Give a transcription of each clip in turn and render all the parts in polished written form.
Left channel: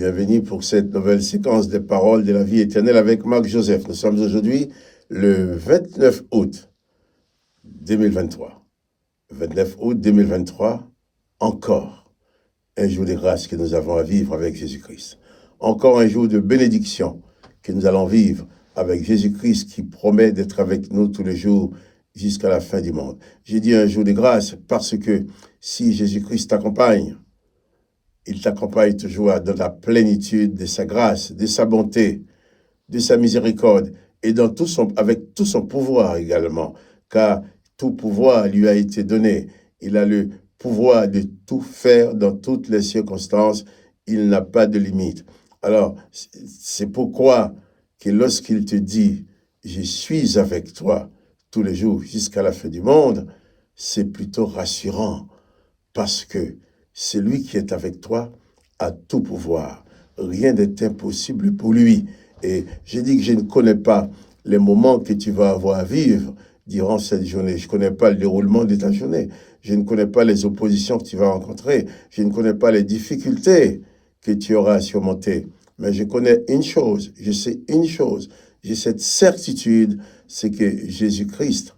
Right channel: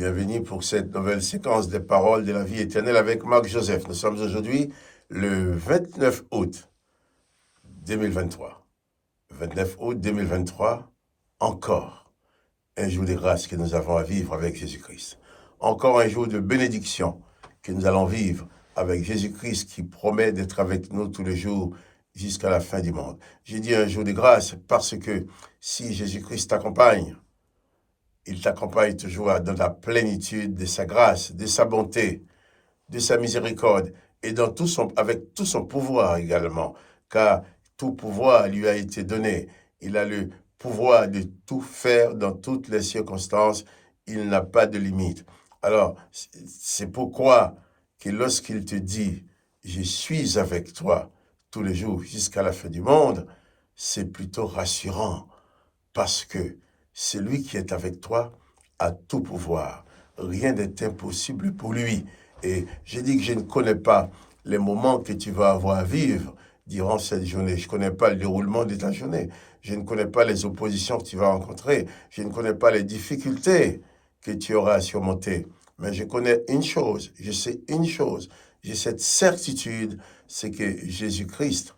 Bienvenue pour cette nouvelle séquence des paroles de la vie éternelle avec Marc Joseph. Nous sommes aujourd'hui le 29 août 2023. 29 août 2023, encore un jour de grâce que nous avons à vivre avec Jésus-Christ. Encore un jour de bénédiction que nous allons vivre avec Jésus-Christ qui promet d'être avec nous tous les jours jusqu'à la fin du monde. J'ai dit un jour de grâce parce que si Jésus-Christ t'accompagne, il t'accompagne toujours dans la plénitude de sa grâce, de sa bonté, de sa miséricorde et avec tout son pouvoir également, car tout pouvoir lui a été donné. Il a le pouvoir de tout faire dans toutes les circonstances. Il n'a pas de limite. Alors, c'est pourquoi que lorsqu'il te dit « Je suis avec toi tous les jours jusqu'à la fin du monde », c'est plutôt rassurant parce que celui qui est avec toi a tout pouvoir. Rien n'est impossible pour lui. Et j'ai dit que je ne connais pas les moments que tu vas avoir à vivre durant cette journée. Je ne connais pas le déroulement de ta journée. Je ne connais pas les oppositions que tu vas rencontrer. Je ne connais pas les difficultés que tu auras à surmonter. Mais je connais une chose, je sais une chose, j'ai cette certitude, c'est que Jésus-Christ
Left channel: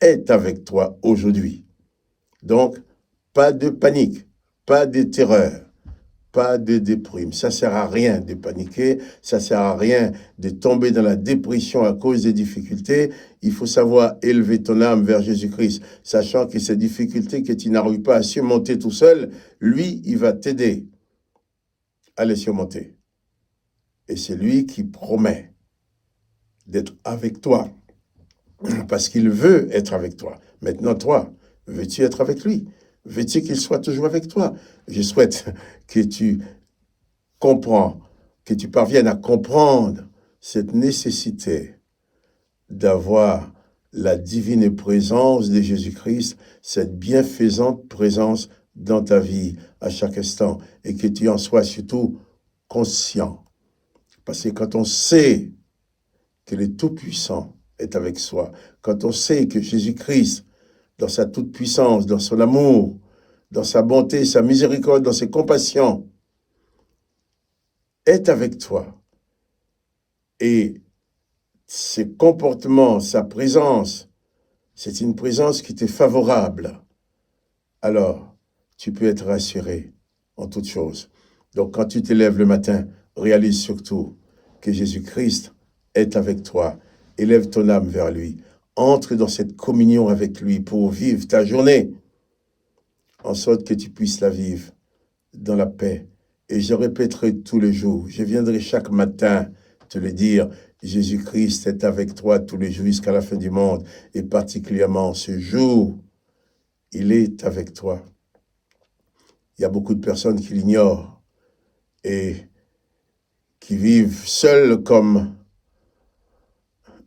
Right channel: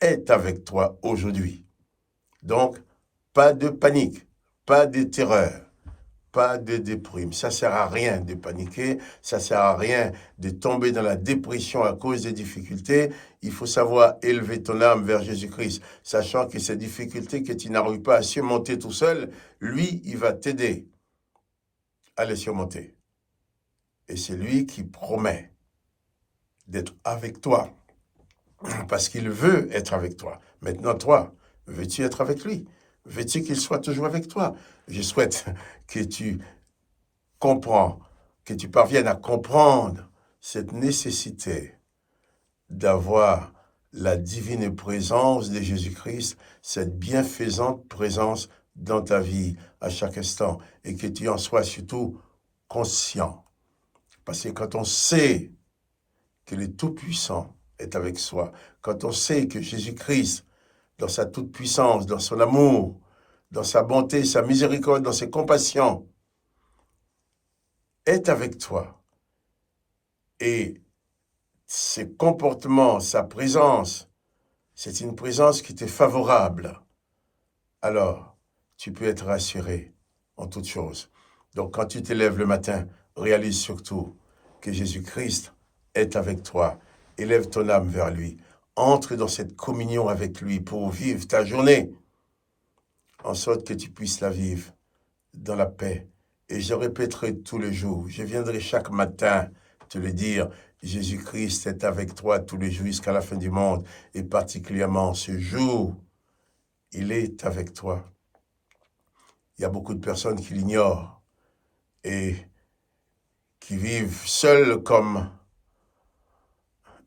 est avec toi aujourd'hui. Donc, pas de panique, pas de terreur, pas de déprime. Ça ne sert à rien de paniquer, ça ne sert à rien de tomber dans la dépression à cause des difficultés. Il faut savoir élever ton âme vers Jésus-Christ, sachant que ces difficultés que tu n'arrives pas à surmonter tout seul, lui, il va t'aider à les surmonter. Et c'est lui qui promet d'être avec toi, parce qu'il veut être avec toi. Maintenant, toi, veux-tu être avec lui? Veux-tu qu'il soit toujours avec toi? Je souhaite que tu comprends, que tu parviennes à comprendre cette nécessité d'avoir la divine présence de Jésus-Christ, cette bienfaisante présence dans ta vie à chaque instant, et que tu en sois surtout conscient. Parce que quand on sait que le Tout-Puissant est avec soi, quand on sait que Jésus-Christ, dans sa toute-puissance, dans son amour, dans sa bonté, sa miséricorde, dans ses compassions, est avec toi. Et ses comportements, sa présence, c'est une présence qui t'est favorable. Alors, tu peux être rassuré en toutes choses. Donc, quand tu te lèves le matin, réalise surtout que Jésus-Christ est avec toi. Élève ton âme vers lui. Entre dans cette communion avec lui pour vivre ta journée, en sorte que tu puisses la vivre dans la paix. Et je répéterai tous les jours, je viendrai chaque matin te le dire, Jésus-Christ est avec toi tous les jours jusqu'à la fin du monde, et particulièrement ce jour, il est avec toi. Il y a beaucoup de personnes qui l'ignorent et qui vivent seuls comme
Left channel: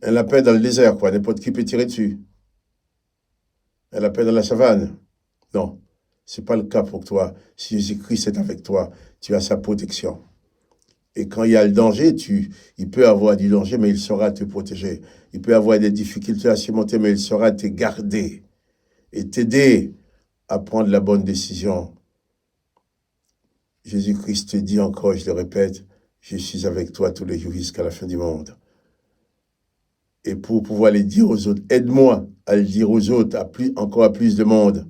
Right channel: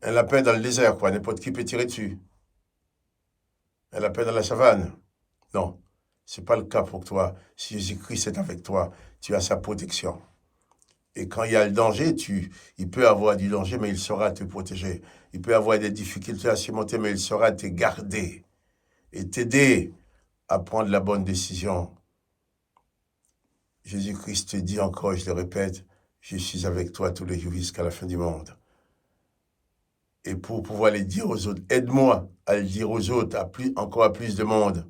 un lapin dans le désert, quoi. N'importe qui peut tirer dessus. Un lapin dans la savane. Non, ce n'est pas le cas pour toi. Si Jésus-Christ est avec toi, tu as sa protection. Et quand il y a le danger, il peut avoir du danger, mais il saura te protéger. Il peut avoir des difficultés à surmonter, mais il saura te garder et t'aider à prendre la bonne décision. Jésus-Christ te dit encore, je le répète, je suis avec toi tous les jours jusqu'à la fin du monde. Et pour pouvoir le dire aux autres, aide-moi à le dire aux autres, encore à plus de monde,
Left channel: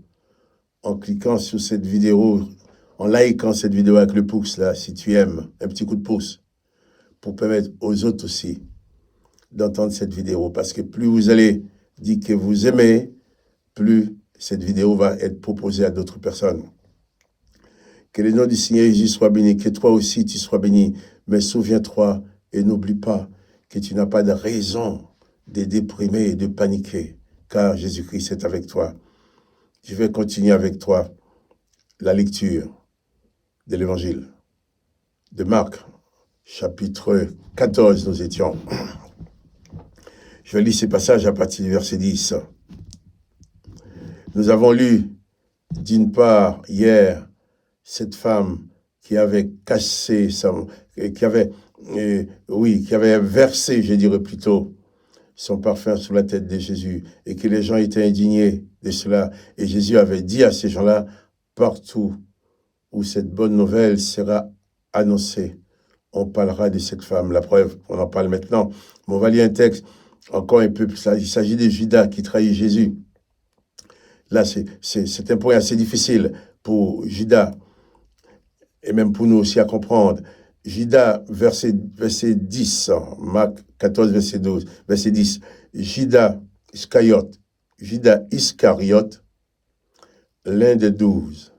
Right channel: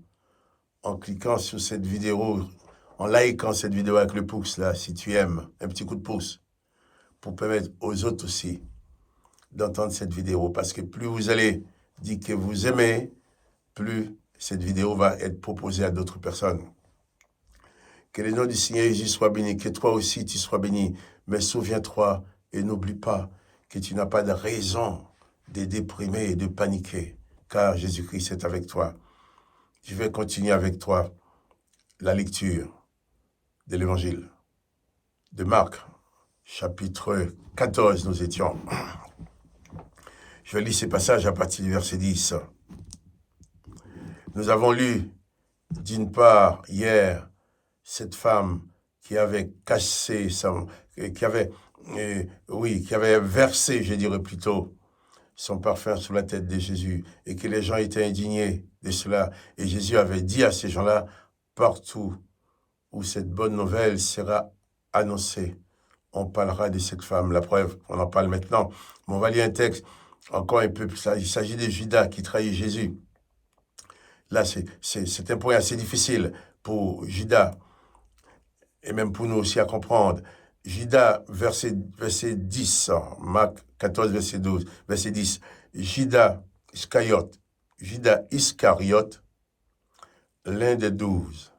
en cliquant sur cette vidéo, en likant cette vidéo avec le pouce, là, si tu aimes, un petit coup de pouce, pour permettre aux autres aussi d'entendre cette vidéo. Parce que plus vous allez dire que vous aimez, plus cette vidéo va être proposée à d'autres personnes. Que le nom du Seigneur Jésus soit béni, que toi aussi tu sois béni. Mais souviens-toi et n'oublie pas que tu n'as pas de raison de déprimer et de paniquer, car Jésus-Christ est avec toi. Je vais continuer avec toi la lecture de l'Évangile de Marc, chapitre 14, nous étions. Je vais lire ces passages à partir du verset 10. Nous avons lu, d'une part, hier, cette femme qui avait cassé, qui avait versé, je dirais plutôt, son parfum sur la tête de Jésus, et que les gens étaient indignés de cela. Et Jésus avait dit à ces gens-là, partout où cette bonne nouvelle sera annoncé. On parlera de cette femme. La preuve, on en parle maintenant. Mais on va lire un texte encore un peu plus. Il s'agit de Judas qui trahit Jésus. Là, c'est un point assez difficile pour Judas et même pour nous aussi à comprendre. Judas, verset 10, Marc 14, verset 12, verset 10. Judas Iscariote, l'un des 12,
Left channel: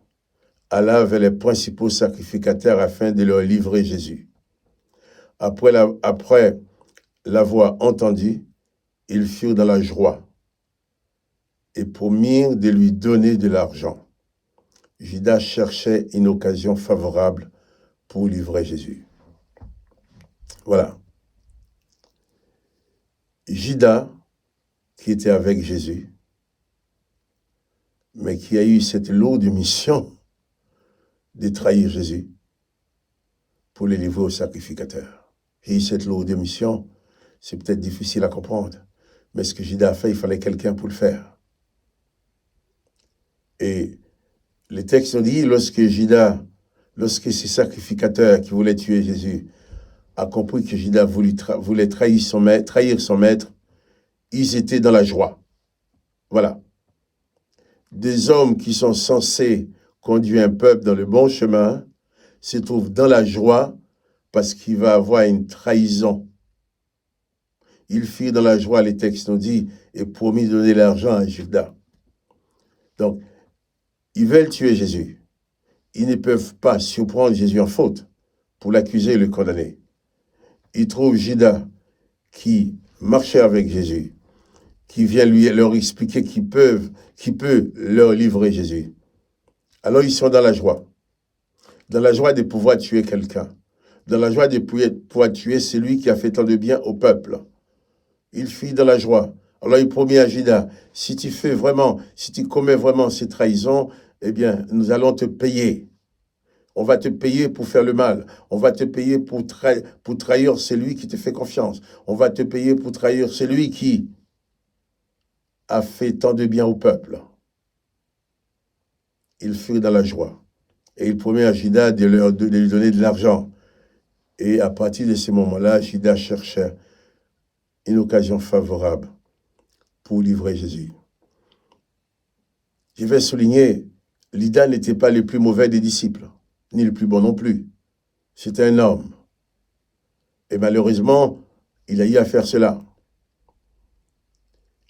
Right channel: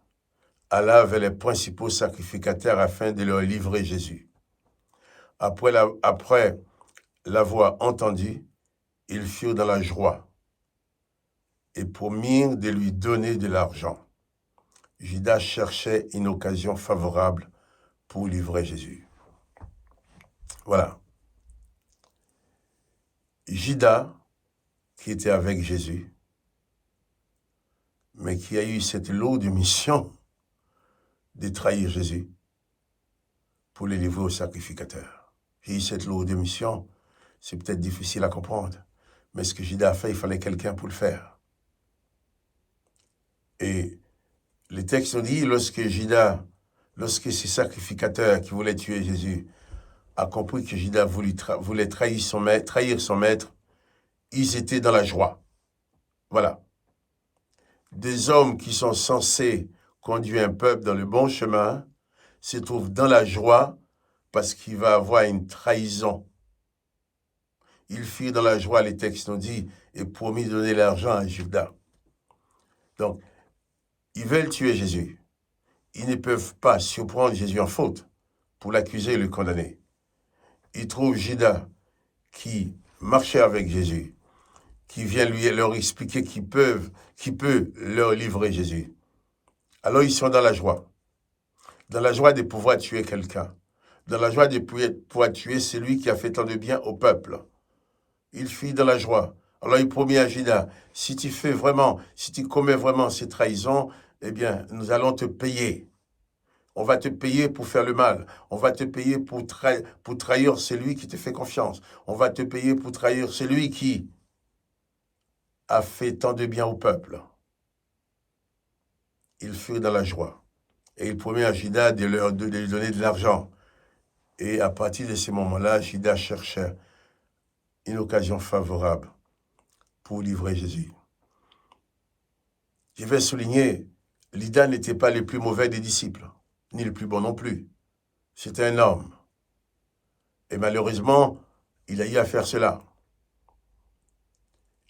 alla vers les principaux sacrificateurs afin de leur livrer Jésus. Après l'avoir entendu, ils furent dans la joie et promirent de lui donner de l'argent. Judas cherchait une occasion favorable pour livrer Jésus. Voilà. Judas, qui était avec Jésus, mais qui a eu cette lourde mission de trahir Jésus pour le livrer au sacrificateur. J'ai eu cette lourde mission, c'est peut-être difficile à comprendre, mais ce que Judas a fait, il fallait quelqu'un pour le faire. Et le texte nous dit, lorsque ces sacrificateurs qui voulaient tuer Jésus, a compris que Judas voulait trahir son maître, ils étaient dans la joie. Voilà. Des hommes qui sont censés conduire un peuple dans le bon chemin se trouvent dans la joie parce qu'il va avoir une trahison. Ils firent dans la joie, les textes nous disent, et promis de donner l'argent à Judas. Donc, ils veulent tuer Jésus. Ils ne peuvent pas surprendre Jésus en faute pour l'accuser et le condamner. Ils trouvent Judas qui marchait avec Jésus, qui vient leur expliquer qu'il peut leur livrer Jésus. Alors ils sont dans la joie de pouvoir tuer quelqu'un, dans la joie de pouvoir tuer celui qui a fait tant de bien au peuple. Il fuit dans la joie. Alors il promet à Judas, si tu commets vraiment ces trahisons, eh bien, nous allons te payer. On va te payer pour faire le mal. On va te payer pour trahir celui qui te fait confiance. On va te payer pour trahir celui qui a fait tant de bien au peuple. Il fut dans la joie. Et il promet à Judas de lui donner de l'argent. Et à partir de ce moment-là, Judas cherchait une occasion favorable pour livrer Jésus. Je vais souligner, Judas n'était pas le plus mauvais des disciples, ni le plus bon non plus. C'était un homme. Et malheureusement, il a eu à faire cela.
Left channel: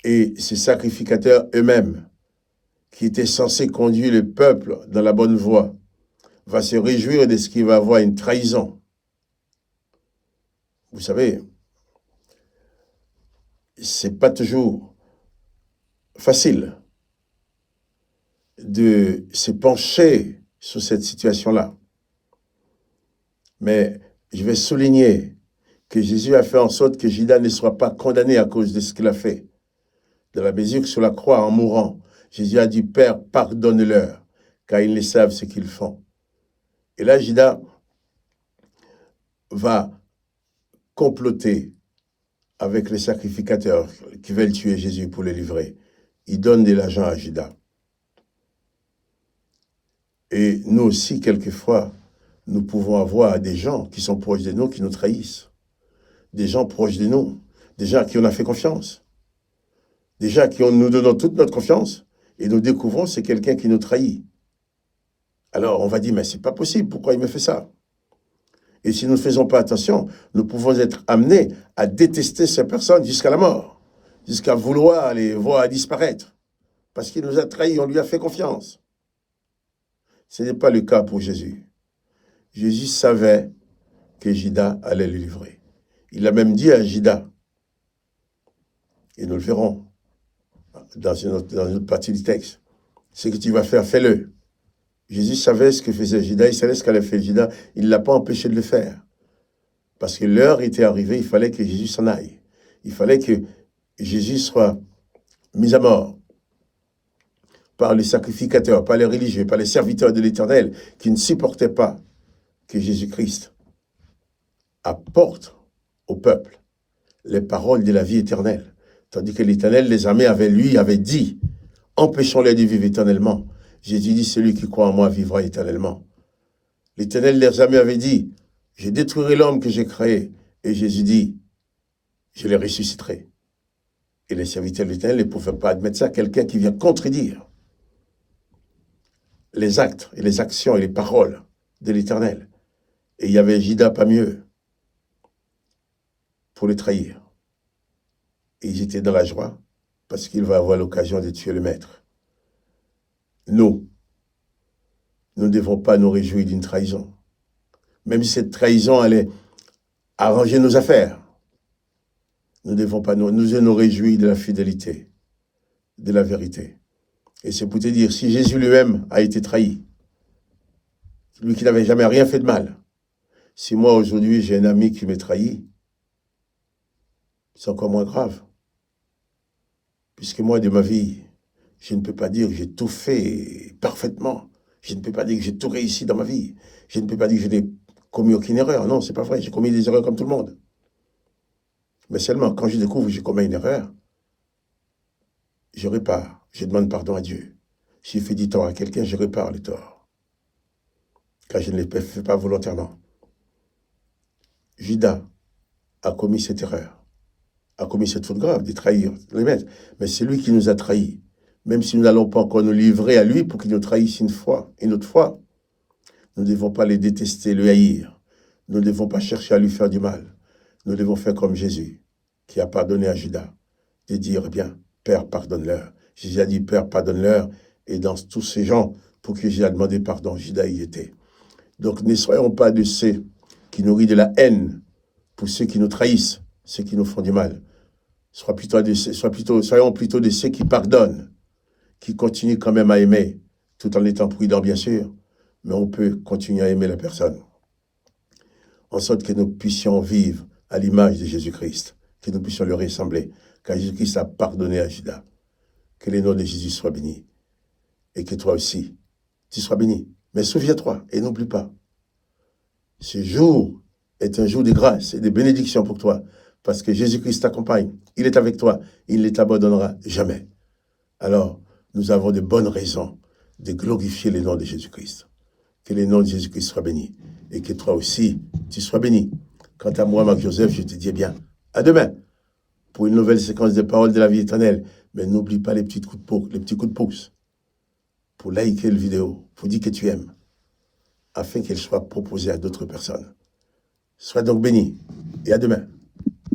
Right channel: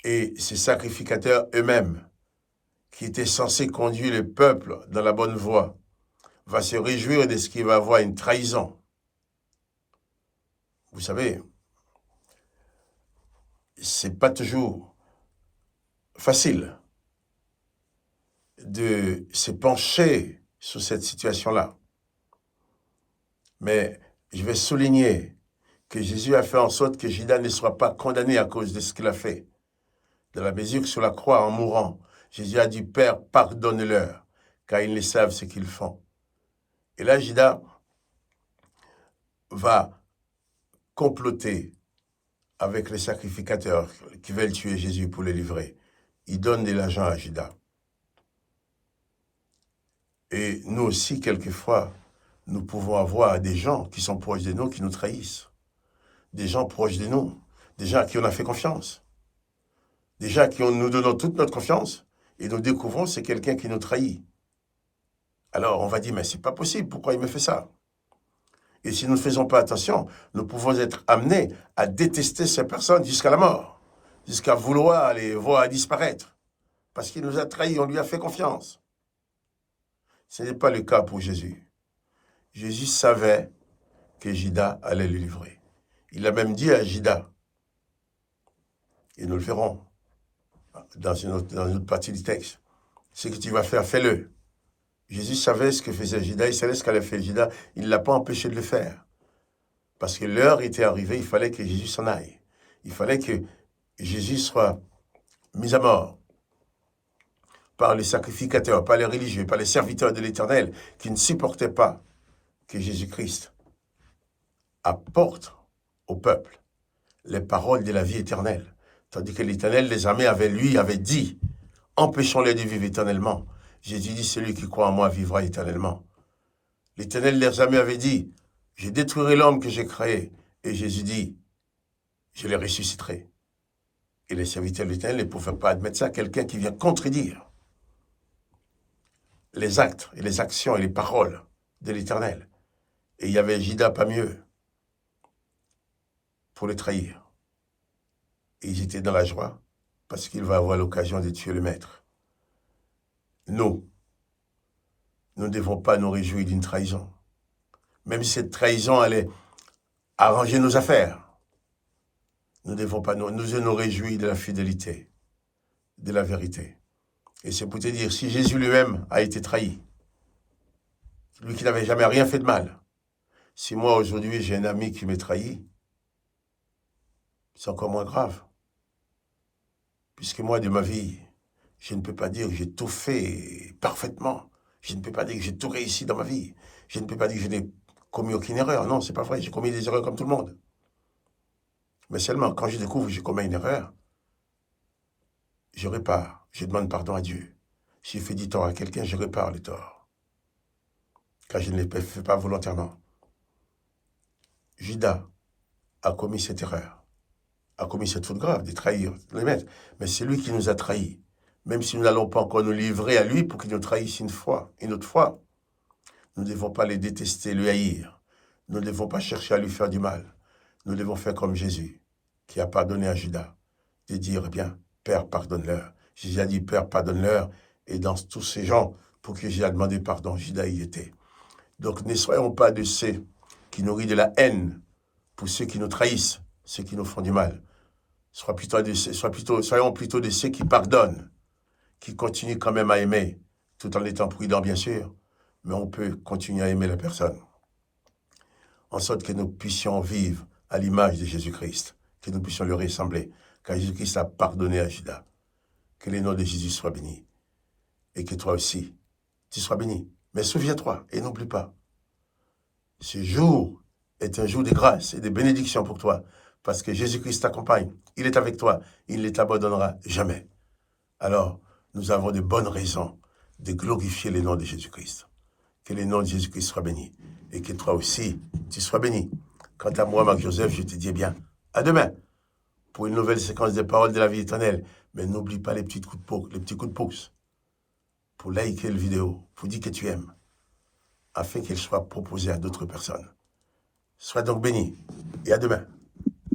Et ces sacrificateurs eux-mêmes, qui étaient censés conduire le peuple dans la bonne voie, va se réjouir de ce qu'il va avoir une trahison. Vous savez, c'est pas toujours facile de se pencher sur cette situation-là. Mais je vais souligner que Jésus a fait en sorte que Judas ne soit pas condamné à cause de ce qu'il a fait. Dans la mesure que sur la croix, en mourant, Jésus a dit, Père, pardonne-leur, car ils ne savent ce qu'ils font. Et là, Judas va comploter avec les sacrificateurs qui veulent tuer Jésus pour le livrer. Il donne de l'argent à Judas. Et nous aussi, quelquefois, nous pouvons avoir des gens qui sont proches de nous, qui nous trahissent. Des gens proches de nous, des gens à qui on a fait confiance. Des gens à qui nous donnons toute notre confiance et nous découvrons que c'est quelqu'un qui nous trahit. Alors on va dire, mais c'est pas possible, pourquoi il me fait ça? Et si nous ne faisons pas attention, nous pouvons être amenés à détester ces personnes jusqu'à la mort, jusqu'à vouloir les voir disparaître, parce qu'il nous a trahis, on lui a fait confiance. Ce n'est pas le cas pour Jésus. Jésus savait que Judas allait le livrer. Il a même dit à Judas, et nous le verrons dans une autre partie du texte, ce que tu vas faire, fais-le. Jésus savait ce que faisait Judas, il savait ce qu'allait faire Judas, il ne l'a pas empêché de le faire. Parce que l'heure était arrivée, il fallait que Jésus s'en aille. Il fallait que Jésus soit mis à mort par les sacrificateurs, par les religieux, par les serviteurs de l'Éternel, qui ne supportaient pas que Jésus-Christ apporte au peuple les paroles de la vie éternelle. Tandis que l'Éternel, les armées avait dit, empêchons-les de vivre éternellement. Jésus dit, celui qui croit en moi vivra éternellement. L'Éternel les armées avait dit, je détruirai l'homme que j'ai créé. Et Jésus dit, je les ressusciterai. Et les serviteurs de l'Éternel ne pouvaient pas admettre ça. Quelqu'un qui vient contredire les actes et les actions et les paroles de l'Éternel. Et il y avait Judas pas mieux pour le trahir. Et ils étaient dans la joie parce qu'il va avoir l'occasion de tuer le maître. Nous ne devons pas nous réjouir d'une trahison. Même si cette trahison allait arranger nos affaires, nous ne devons pas nous réjouir de la fidélité, de la vérité. Et c'est pour te dire, si Jésus lui-même a été trahi, lui qui n'avait jamais rien fait de mal, si moi aujourd'hui j'ai un ami qui m'est trahi, c'est encore moins grave. Puisque moi, de ma vie, je ne peux pas dire que j'ai tout fait parfaitement. Je ne peux pas dire que j'ai tout réussi dans ma vie. Je ne peux pas dire que je n'ai commis aucune erreur. Non, c'est pas vrai. J'ai commis des erreurs comme tout le monde. Mais seulement, quand je découvre que j'ai commis une erreur, je répare. Je demande pardon à Dieu. Si j'ai fait du tort à quelqu'un, je répare le tort. Car je ne l'ai fait pas volontairement. Judas a commis cette erreur, a commis cette faute grave de trahir les maîtres. Mais c'est lui qui nous a trahis. Même si nous n'allons pas encore nous livrer à lui pour qu'il nous trahisse une autre fois, nous ne devons pas le détester, le haïr. Nous ne devons pas chercher à lui faire du mal. Nous devons faire comme Jésus, qui a pardonné à Judas, de dire, eh bien, Père, pardonne-leur. Jésus a dit, Père, pardonne-leur. Et dans tous ces gens, pour qui Jésus a demandé pardon, Judas y était. Donc ne soyons pas de ceux qui nourrissent de la haine pour ceux qui nous trahissent, ceux qui nous font du mal. Soyons plutôt de ceux qui pardonnent, qui continuent quand même à aimer, tout en étant prudents, bien sûr, mais on peut continuer à aimer la personne. En sorte que nous puissions vivre à l'image de Jésus-Christ, que nous puissions lui ressembler, car Jésus-Christ a pardonné à Judas. Que le nom de Jésus soit béni. Et que toi aussi, tu sois béni. Mais souviens-toi et n'oublie pas, ce jour est un jour de grâce et de bénédiction pour toi, parce que Jésus-Christ t'accompagne, il est avec toi, il ne t'abandonnera jamais. Alors, nous avons de bonnes raisons de glorifier le nom de Jésus-Christ. Que le nom de Jésus-Christ soit béni, et que toi aussi, tu sois béni. Quant à moi, Marc-Joseph, je te dis bien, à demain, pour une nouvelle séquence de paroles de la vie éternelle. Mais n'oublie pas les petits coups de pouce, pour liker la vidéo, pour dire que tu aimes, afin qu'elle soit proposée à d'autres personnes. Sois donc béni, et à demain.